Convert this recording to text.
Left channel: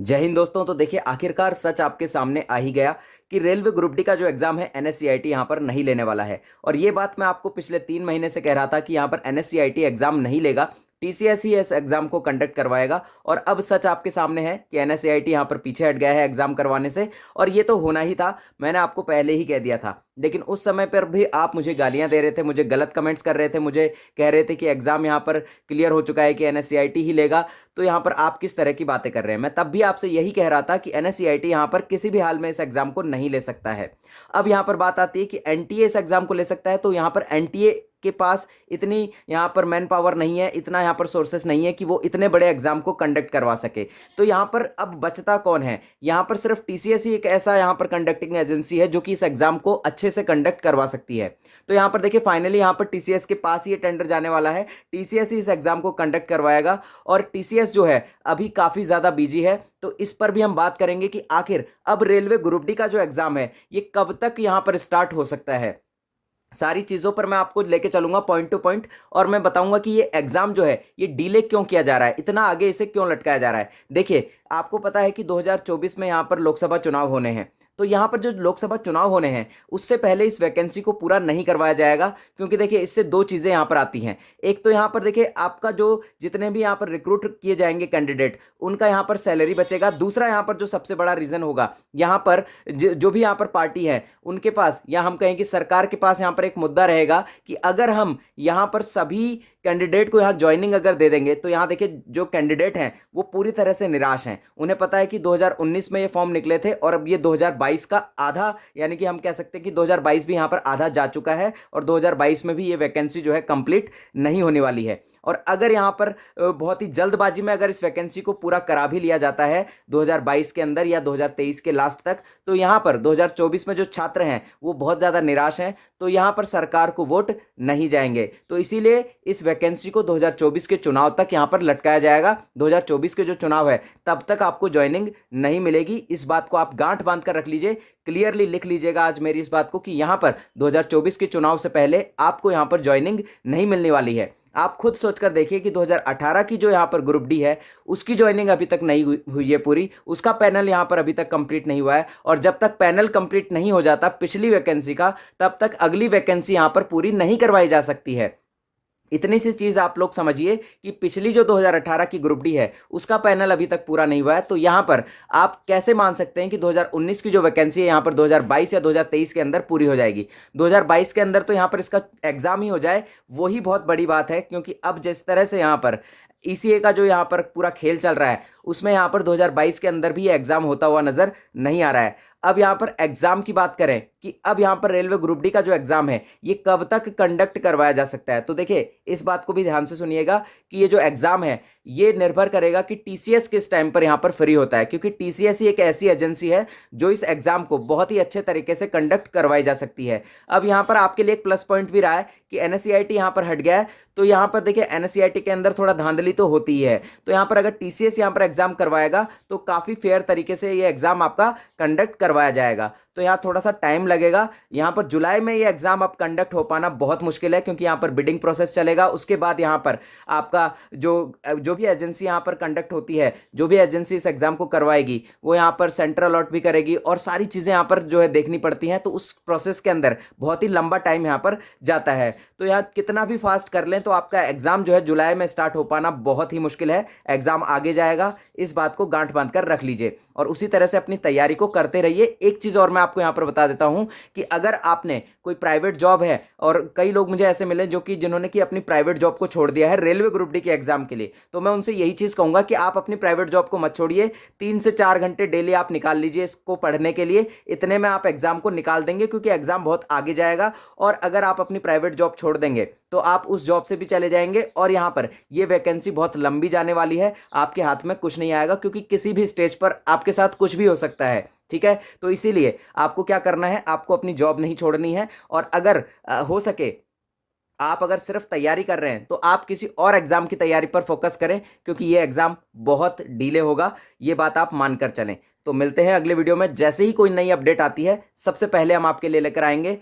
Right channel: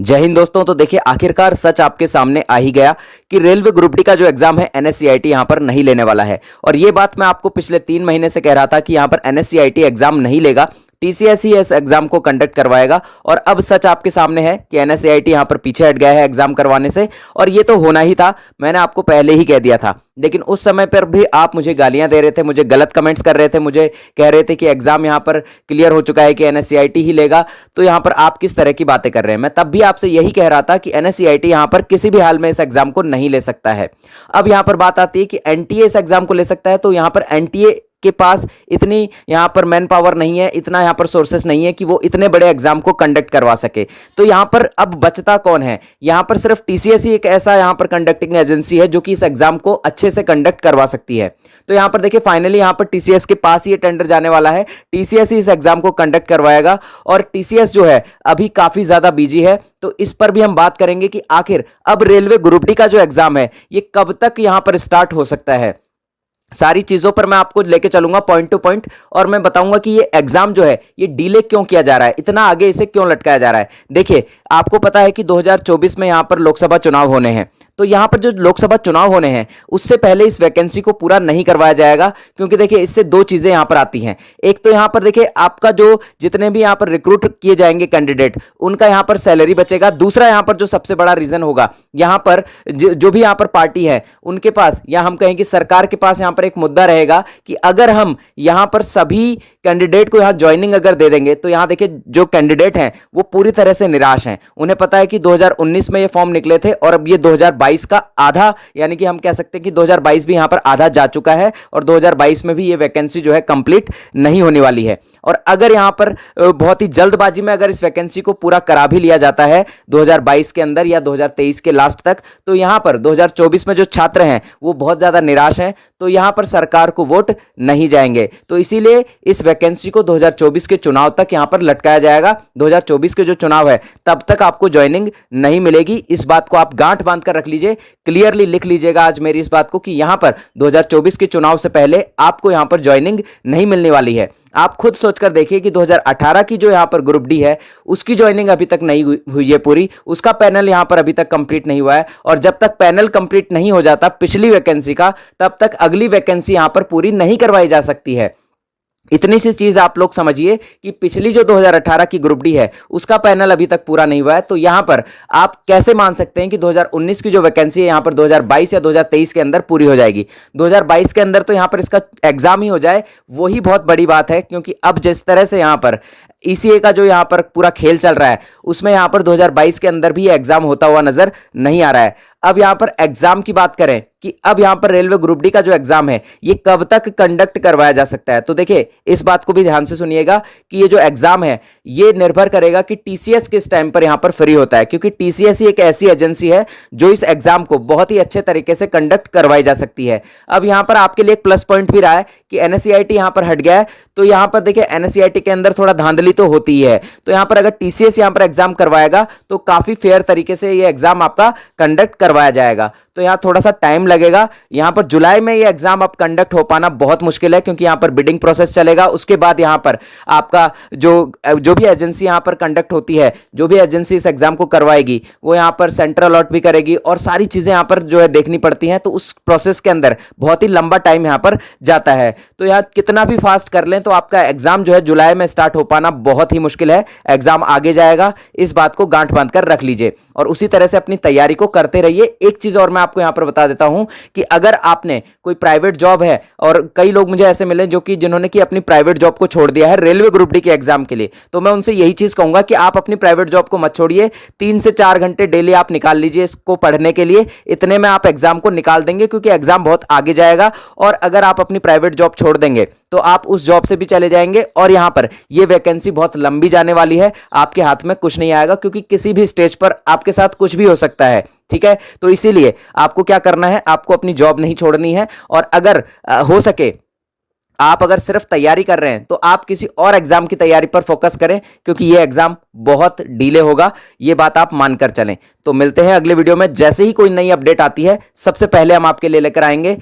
जय हिंद दोस्तों। तो देखिए आखिरकार सच आपके सामने आ ही गया कि रेलवे ग्रुप डी का जो एग्जाम है एनएससीआईटी यहां पर नहीं लेने वाला है। और ये बात मैं आपको पिछले 3 महीने से कह रहा था कि यहां पर एनएससीआईटी एग्जाम नहीं लेगा, टीसीएस ही इस एग्जाम को कंडक्ट करवाएगा। और अब सच आपके सामने है कि एनएससीआईटी यहां पर पीछे हट गया है एग्जाम करवाने से। और ये तो होना ही था, मैंने आपको पहले ही कह दिया था। लेकिन उस समय पर भी आप मुझे गालियां दे रहे थे, मुझे गलत कमेंट्स कर रहे थे, मुझे कह रहे थे कि एग्जाम यहां पर क्लियर हो चुका है कि एनएससीआईटी ही लेगा। तो यहां पर आप किस तरह की बातें कर रहे हैं। मैं तब भी आपसे यही कह रहा था कि एनएससीआईटी यहां पर किसी भी हाल में इस एग्जाम को नहीं ले सकता है। अब यहां पर बात आती है कि एनटीए इस एग्जाम को ले सकता है, तो यहां पर एनटीए के पास इतनी यहां पर मैन पावर नहीं है, इतना यहां पर सोर्सेस नहीं है कि वो इतने बड़े एग्जाम को कंडक्ट करवा सके। तो यहां पर अब बचता कौन है? यहां पर सिर्फ टीसीएस ही एक ऐसा यहां पर कंडक्टिंग एजेंसी है जो कि इस एग्जाम को अच्छे से कंडक्ट करवा सकती है। तो यहां पर देखिए फाइनली यहां पर टीसीएस के पास ही ये टेंडर जाने वाला है, टीसीएस ही इस एग्जाम को कंडक्ट करवाएगा। और टीसीएस जो है अभी काफी ज्यादा बिजी है, तो इस पर भी हम बात करेंगे कि आखिर अब रेलवे ग्रुप डी का जो एग्जाम है ये कब तक यहां पर स्टार्ट हो सकता है। सारी चीजों पर मैं आपको लेके चलूंगा पॉइंट टू पॉइंट, और मैं बताऊंगा कि ये एग्जाम जो है ये डिले क्यों किया जा रहा है, इतना आगे इसे क्यों लटकाया जा रहा है। देखिए आपको पता है कि 2024 में यहां पर लोकसभा चुनाव होने हैं। तो यहां पर जो लोकसभा चुनाव होने हैं उससे पहले इस वैकेंसी को पूरा नहीं करवाया जाएगा, क्योंकि देखिए इससे दो चीजें यहां पर आती हैं। एक तो यहां पर देखिए आपका जो जितने भी यहां पर रिक्रूट किए जाएंगे कैंडिडेट, उनका यहां पर सैलरी बचेगा। दूसरा यहां पर जो सबसे बड़ा रीजन होगा, यहां पर जो भी यहां पर पार्टी है उनके पास, या हम कहें कि सरकार के पास यहां पर एक मुद्दा रहेगा कि अगर हम यहां पर सभी कैंडिडेट को यहां ज्वाइनिंग अगर दे देंगे, तो यहां देखिए जो कैंडिडेट हैं वो पूरी तरह से निराश हैं। उन्हें पता है कि 2019 में ये फॉर्म निकले थे और अब ये 2022 का आधा, यानी कि हम कह सकते हैं कि 2022 भी यहां पर आधा जा चुका है, और 2022 में भी ये वैकेंसी जो है कंप्लीट नहीं होने वाली है। और अगर यहां पर बहुत ही जल्दबाजी में अगर इस वैकेंसी को पूरा करा भी लिया जाता है 2022 के अंदर या 2023 के लास्ट तक, तो यहां पर 2024 में जो छात्र हैं वो बहुत ज्यादा निराश हैं, तो यहां पर सरकार को वोट नहीं जाएंगे। तो इसीलिए इस वैकेंसी को 2024 के चुनाव तक यहां पर लटकाया जाएगा। 2024 के जो चुनाव है तब तक आपको ज्वाइनिंग नहीं मिलेगी। इस बात को आप गांठ बांध कर रख लीजिए, क्लियरली लिख लीजिएगा आज मेरी इस बात को कि यहां पर 2024 के चुनाव से पहले आपको यहां पर ज्वाइनिंग नहीं मिलने वाली है। आप खुद सोचकर देखिए कि 2018 की जो यहां पर ग्रुप डी है उसकी ज्वाइनिंग अभी तक नहीं हुई है पूरी, उसका पैनल यहां पर अभी तक कंप्लीट नहीं हुआ है। और जब तक पैनल कंप्लीट नहीं हो जाता पिछली वैकेंसी का, तब तक अगली वैकेंसी यहां पर पूरी नहीं करवाई जा सकती है। इतनी सी चीज आप लोग समझिए कि पिछली जो 2018 की ग्रुप डी है उसका पैनल अभी तक पूरा नहीं हुआ है। तो यहां पर आप कैसे मान सकते हैं कि 2019 की जो वैकेंसी है यहां पर 2022 या 2023 के अंदर पूरी हो जाएगी? 2022 के अंदर तो यहां पर इसका एग्जाम ही हो जाए वही बहुत बड़ी बात है, क्योंकि अब जिस तरह से यहां पर ईसीए का जो यहां पर पूरा खेल चल रहा है उसमें यहां पर 2022 के अंदर भी एग्जाम होता हुआ नजर नहीं आ रहा है। अब यहां पर एग्जाम की बात करें कि अब यहां पर रेलवे ग्रुप डी का जो एग्जाम है ये कब तक कंडक्ट करवाया जा सकता है, तो देखिए इस बात को भी ध्यान से सुनिएगा कि ये जो एग्जाम है ये निर्भर करेगा कि टीसीएस किस टाइम पर यहां पर फ्री होता है, क्योंकि टीसीएस ही एक ऐसी एजेंसी है जो इस एग्जाम को बहुत ही अच्छे तरीके से कंडक्ट करवाई जा सकती है। अब यहां पर आपके लिए एक प्लस पॉइंट भी रहा है कि एनएससीआईटी यहां पर हट गया है, तो यहां पर देखिए एनएससीआईटी के अंदर थोड़ा धांधली तो होती ही है। तो यहां पर अगर टीसीएस यहां पर एग्जाम करवाएगा तो काफी फेयर तरीके से ये एग्जाम आपका कंडक्ट करवाया जाएगा। तो यहां थोड़ा सा टाइम लगेगा। यहां पर जुलाई में ये एग्जाम अब कंडक्ट हो पाना बहुत मुश्किल है, क्योंकि यहां पर बिडिंग प्रोसेस चलेगा। उसके बाद यहां पर आपका जो भी एजेंसी यहां पर कंडक्ट होती है, जो भी एजेंसी इस एग्जाम को करवाएगी, वो यहां पर सेंटर अलॉट भी करेगी और सारी चीजें यहां पर जो है देखनी पड़ती हैं। तो उस प्रोसेस के अंदर बहुत ही लंबा टाइम यहां पर जाता है। तो यहां कितना भी फास्ट कर लें तो आपका एग्जाम जो है जुलाई में स्टार्ट हो पाना बहुत ही मुश्किल है। एग्जाम आगे जाएगा, इस बात को गांठ बांध कर रख लीजिए और उसी तरह से अपनी तैयारी को करते रहिए। एक चीज और मैं आपको यहां पर बता देता हूं कि अगर आपने कोई प्राइवेट जॉब है, और कई लोग मुझे ऐसे मिले जो कि जिन्होंने कि अपनी प्राइवेट जॉब को छोड़ दिया है रेलवे ग्रुप डी के एग्जाम के लिए, तो मैं उनसे यही चीज कहूंगा कि आप अपनी प्राइवेट जॉब को मत छोड़िए। 3 से 4 घंटे डेली आप निकाल लीजिए इसको पढ़ने के लिए, इतने में आप एग्जाम को निकाल देंगे, क्योंकि एग्जाम बहुत आगे जाएगा। और अगर आप अपनी प्राइवेट जॉब छोड़ देंगे तो आप उस जॉब से भी चले जाएंगे, और यहां पर यह वैकेंसी बहुत लंबी जाने वाली है। आपके हाथ में कुछ नहीं आएगा, क्योंकि किसी भी स्टेज पर आपके साथ कुछ भी हो सकता है। ठीक है, तो इसीलिए आपको क्या करना है, आपको अपनी जॉब नहीं छोड़नी है। और अगर हो सके आप अगर सिर्फ तैयारी कर रहे हैं तो आप किसी और एग्जाम की तैयारी पर फोकस करें, क्योंकि यह एग्जाम बहुत डिले होगा, यह बात आप मानकर चलें। तो मिलते हैं अगले वीडियो में, जैसे ही कोई नई अपडेट आती है सबसे पहले हम आपके लिए लेकर आएंगे।